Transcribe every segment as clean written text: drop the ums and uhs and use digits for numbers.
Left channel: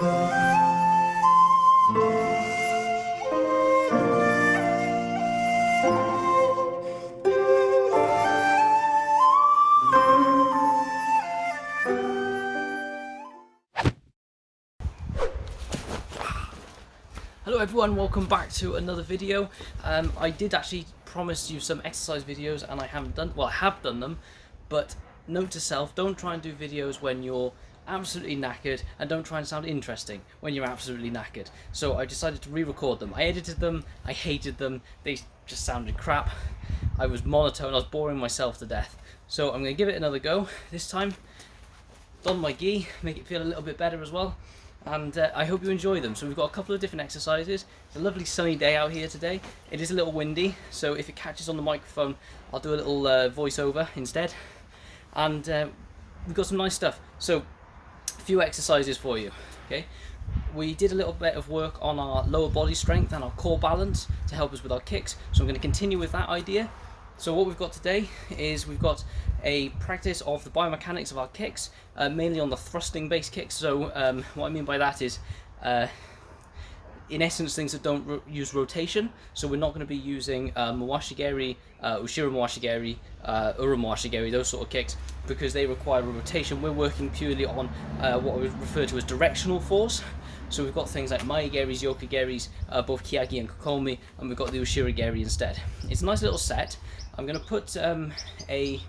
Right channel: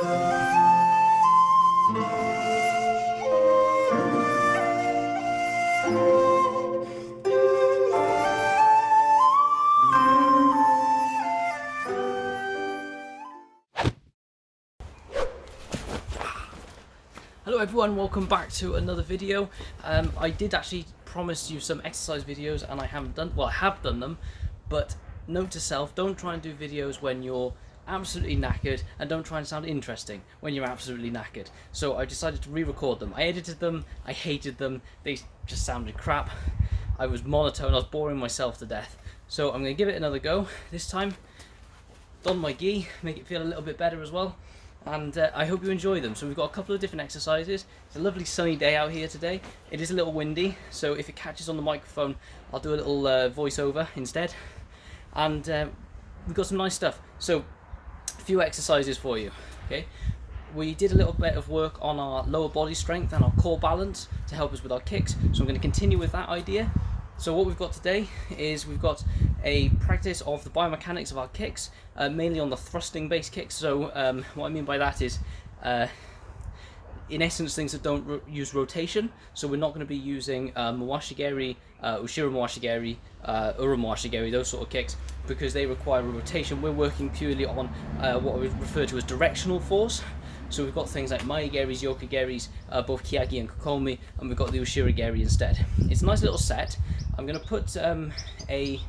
Hello everyone, welcome back to another video. I did actually promise you some exercise videos and I haven't done, well I have done them, but note to self, don't try and do videos when you're absolutely knackered, and don't try and sound interesting when you're absolutely knackered. So I decided to re-record them. I edited them, I hated them, they just sounded crap. I was monotone, I was boring myself to death. So I'm going to give it another go. This time, don my gi, make it feel a little bit better as well. And I hope you enjoy them. So we've got a couple of different exercises. It's a lovely sunny day out here today. It is a little windy, so if it catches on the microphone, I'll do a little voiceover instead. And we've got some nice stuff. So, a few exercises for you. Okay, we did a little bit of work on our lower body strength and our core balance to help us with our kicks. So I'm going to continue with that idea. So what we've got today is we've got a practice of the biomechanics of our kicks, mainly on the thrusting based kicks. So what I mean by that is, in essence, things that don't use rotation. So we're not going to be using Mawashigeri, Ushiro Mawashigeri, Ura Mawashigeri, those sort of kicks, because they require a rotation. We're working purely on what I would refer to as directional force. So we've got things like Maegeris, Yokogeris, both Kiyagi and Kokomi, and we've got the Ushirigeri instead. It's a nice little set. I'm going to put a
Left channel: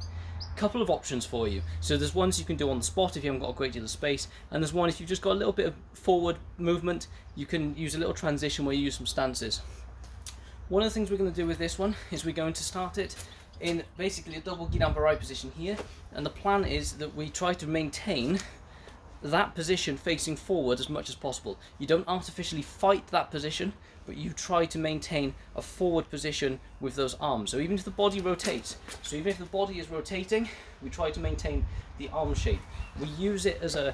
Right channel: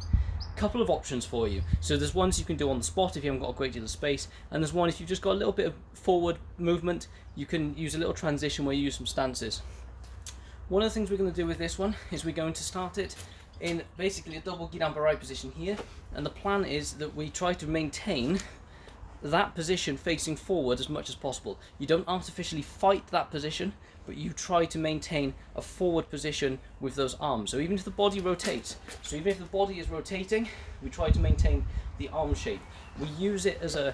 couple of options for you. So there's ones you can do on the spot if you haven't got a great deal of space, and there's one if you've just got a little bit of forward movement, you can use a little transition where you use some stances. One of the things we're going to do with this one is we're going to start it in basically a double Gidan-Barai position here, and the plan is that we try to maintain that position facing forward as much as possible. You don't artificially fight that position, but you try to maintain a forward position with those arms. So even if the body rotates, so even if the body is rotating, we try to maintain the arm shape. We use it as a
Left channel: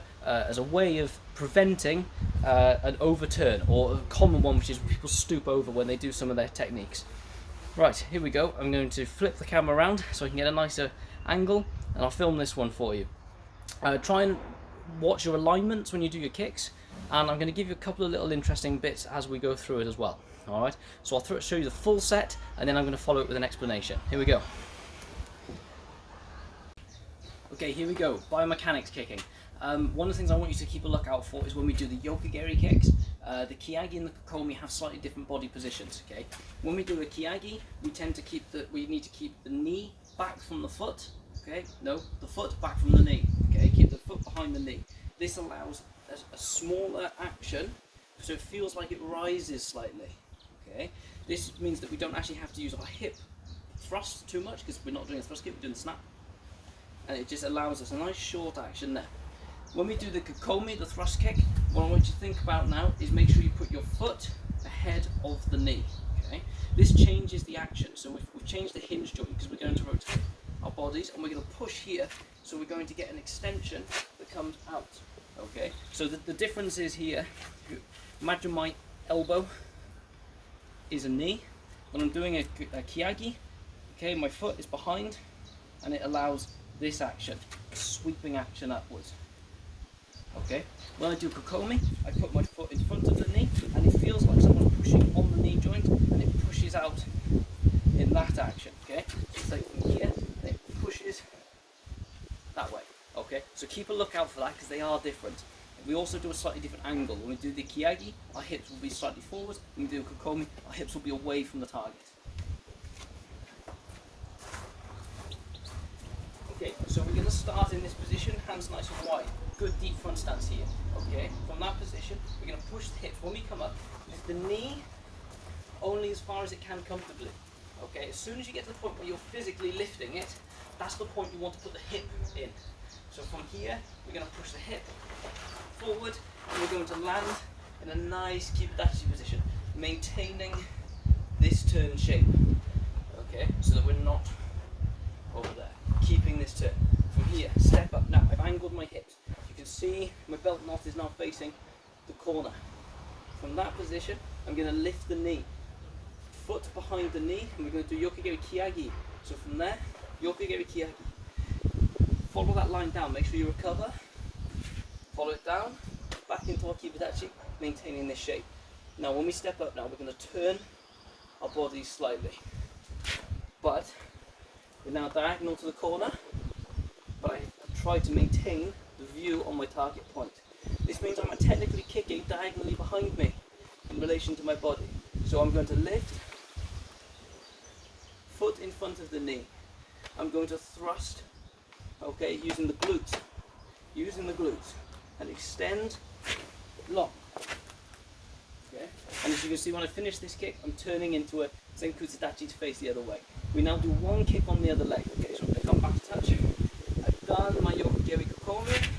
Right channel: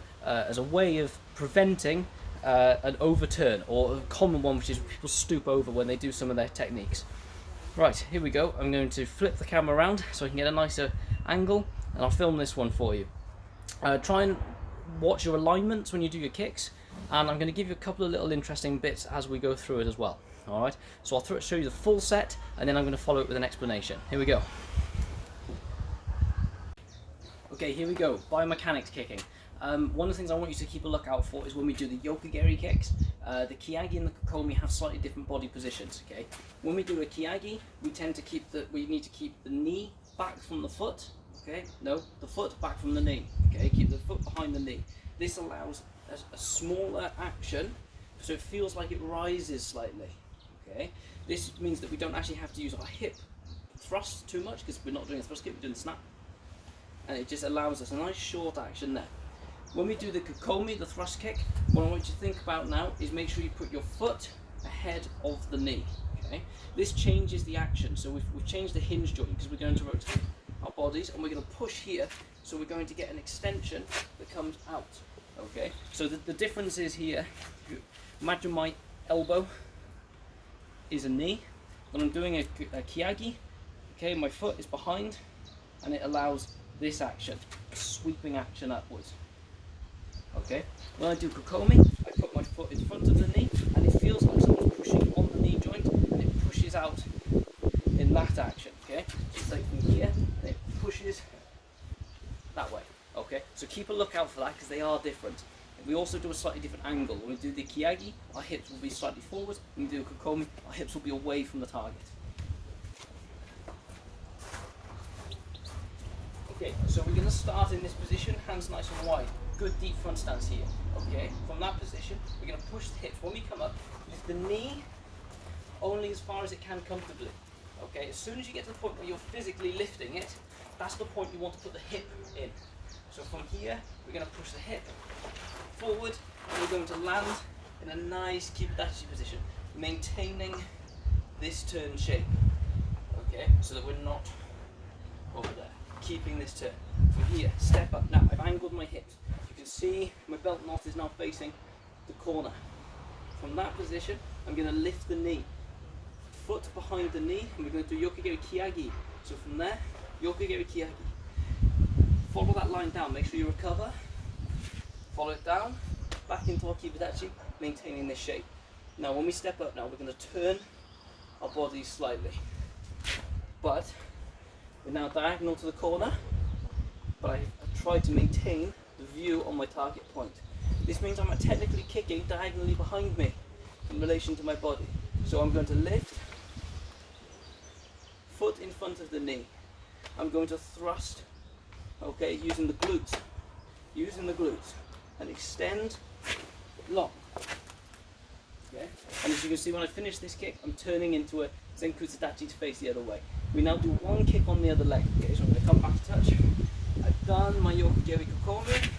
way of preventing an overturn, or a common one, which is people stoop over when they do some of their techniques. Right, here we go. I'm going to flip the camera around so I can get a nicer angle, and I'll film this one for you. Try and watch your alignments when you do your kicks, and I'm going to give you a couple of little interesting bits as we go through it as well. Alright, so I'll show you the full set, and then I'm going to follow it with an explanation. Here we go. Okay, here we go. Biomechanics kicking. One of the things I want you to keep a lookout for is when we do the Yokogeri kicks, the Kiyagi and the Kokomi have slightly different body positions. Okay, when we do a Kiyagi, we need to keep the knee back from the foot. Okay, no, the foot back from the knee. Okay, keep the foot behind the knee. This allows a smaller action, so it feels like it rises slightly. Okay, this means that we don't actually have to use our hip thrust too much, because we're not doing a thrust kick, we're doing the snap, and it just allows us a nice short action there. When we do the Kokomi, the thrust kick, what I want you to think about now is make sure you put your foot ahead of the knee. Okay, this changes the action, so we've changed the hinge joint because we're going to rotate our bodies, and we're going to push here, so we're going to get an extension that comes out. Okay, so the difference is here, imagine my elbow is a knee. When I'm doing a Kiyagi, okay, my foot is behind, and it allows this action, a sweeping action upwards. Okay, when I do Kokomi, I put my foot in front of the knee, and it feels like someone's pushing on the knee joint, and it pushes out in that action. Okay, so it's like from here, and it pushes that way. Okay, so keep a lookout for that, because they are different. We also do a slightly different angle. When we do the Kiyagi, our hips will be slightly forward. When we do Kokomi, our hips will be away from the target. Okay, so we're going to start in this position, hands nice and wide. Good deep front stance here. Okay, from that position, we're going to push the hips. When we come up, lift the knee only as far as it can comfortably. Okay, as soon as you get to the point where you're physically lifting it, that's the point you want to put the hip in. So from here, we're going to push the hip forward, and we're going to land in a nice Kibadachi position, maintaining this turn shape. Okay, so that we're not over there. Keeping this turn. From here, step up. Now, I've angled my hips. You can see my belt knot is now facing the corner. From that position, I'm going to lift the knee. Foot behind the knee, and we're going to do Yokogeri Kiyagi. So from there, Yokogeri Kiyagi. Follow that line down, make sure you recover. Follow it down, back into our kibadachi, maintaining this shape. Now when we step up now, we're going to turn our body slightly. But we're now diagonal to the corner, but I've tried to maintain the view on my target point. This means I'm technically kicking diagonally behind me in relation to my body. So I'm going to lift, foot in front of the knee. I'm going to thrust, okay, using the glutes, and extend long. Okay? And as you can see, when I finish this kick, I'm turning into a Zenkutsudachi to face the other way. We now do one kick on the other leg. Okay, so I'm going to come back to touch. I've done my Yokogiri Kokomi,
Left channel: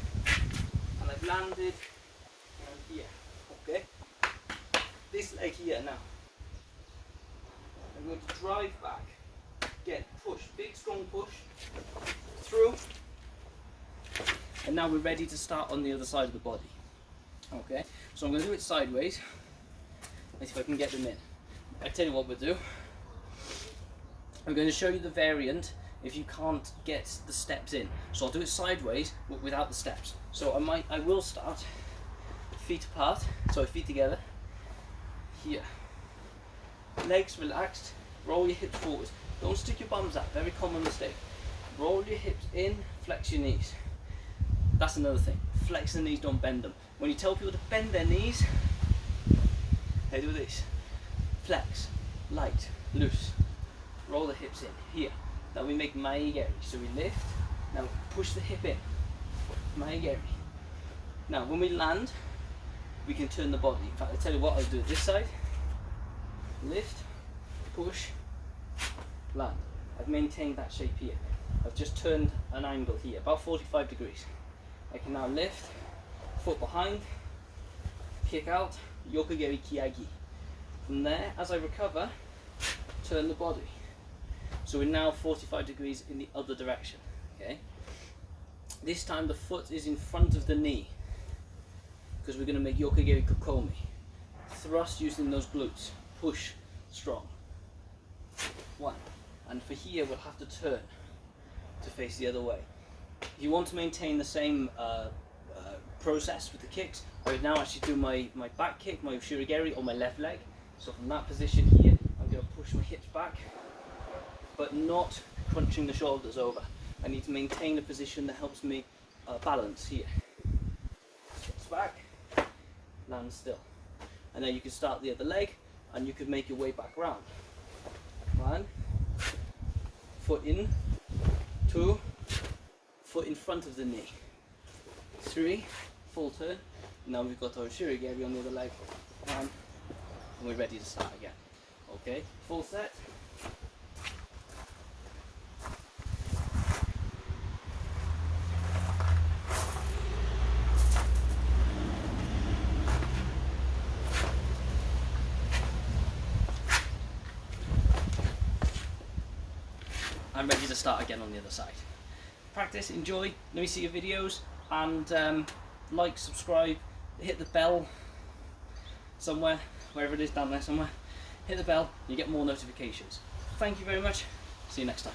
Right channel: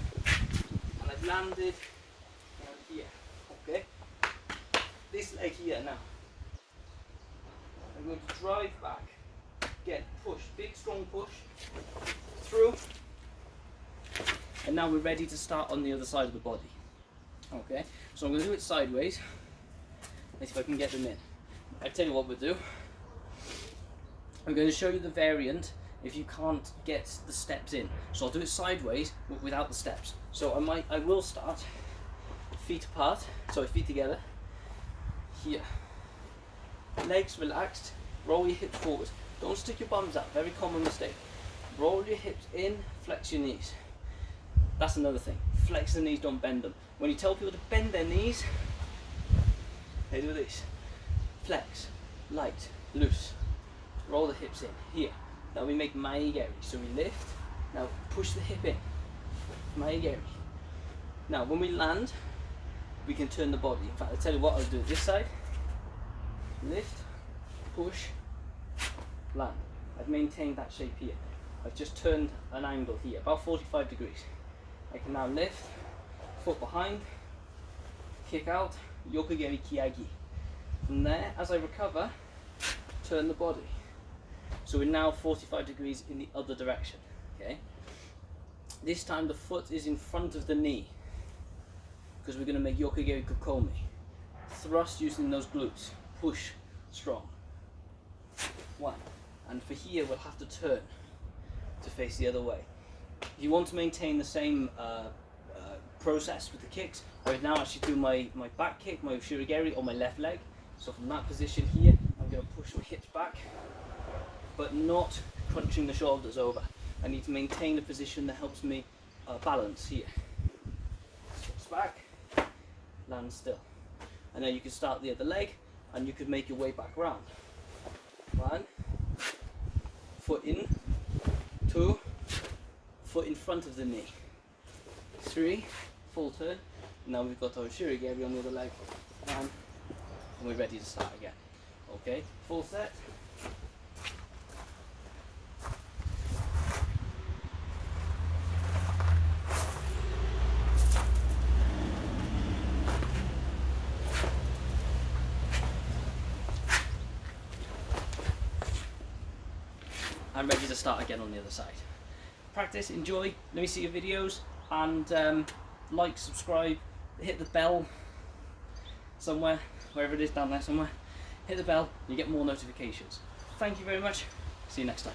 and I've landed here. Okay? This leg here now. I'm going to drive back, again, push, big strong push, through, and now we're ready to start on the other side of the body. Okay, so I'm going to do it sideways. Let's see if I can get them in. I'll tell you what we'll do. I'm going to show you the variant if you can't get the steps in. So I'll do it sideways without the steps. So I will start feet apart, sorry, feet together, here. Legs relaxed, roll your hips forward. Don't stick your bums out, very common mistake. Roll your hips in, flex your knees. That's another thing, flex the knees, don't bend them. When you tell people to bend their knees, they do this. Flex, light, loose. Roll the hips in, here. Now we make maegeri, so we lift, now push the hip in, maegeri. Now when we land, we can turn the body. In fact, I'll tell you what, I'll do it this side. Lift, push, land. I've maintained that shape here. I've just turned an angle here, about 45 degrees. I can now lift, foot behind, kick out, Yokogiri Kiagi. From there, as I recover, turn the body. So we're now 45 degrees in the other direction. Okay. This time the foot is in front of the knee, because we're going to make Yokogiri Kokomi. Thrust using those glutes. Push strong. One. And for here we'll have to turn to face the other way. If you want to maintain the same process with the kicks, I would now actually do my back kick, my shirigeri, on my left leg. So from that position here, I'm going to push my hips back, but not crunching the shoulders over. I need to maintain a position that helps me balance here. Hips back, land still. And now you can start the other leg, and you could make your way back round. One, foot in, two, foot in front of the knee. Three, full turn. Now we've got our shirigeri on the other leg, and we're ready to start again. Okay, full set. I'm ready to start again on the other side. Practice, enjoy, let me see your videos, and like, subscribe, hit the bell somewhere, wherever it is down there somewhere. Hit the bell, you get more notifications. Thank you very much, see you next time.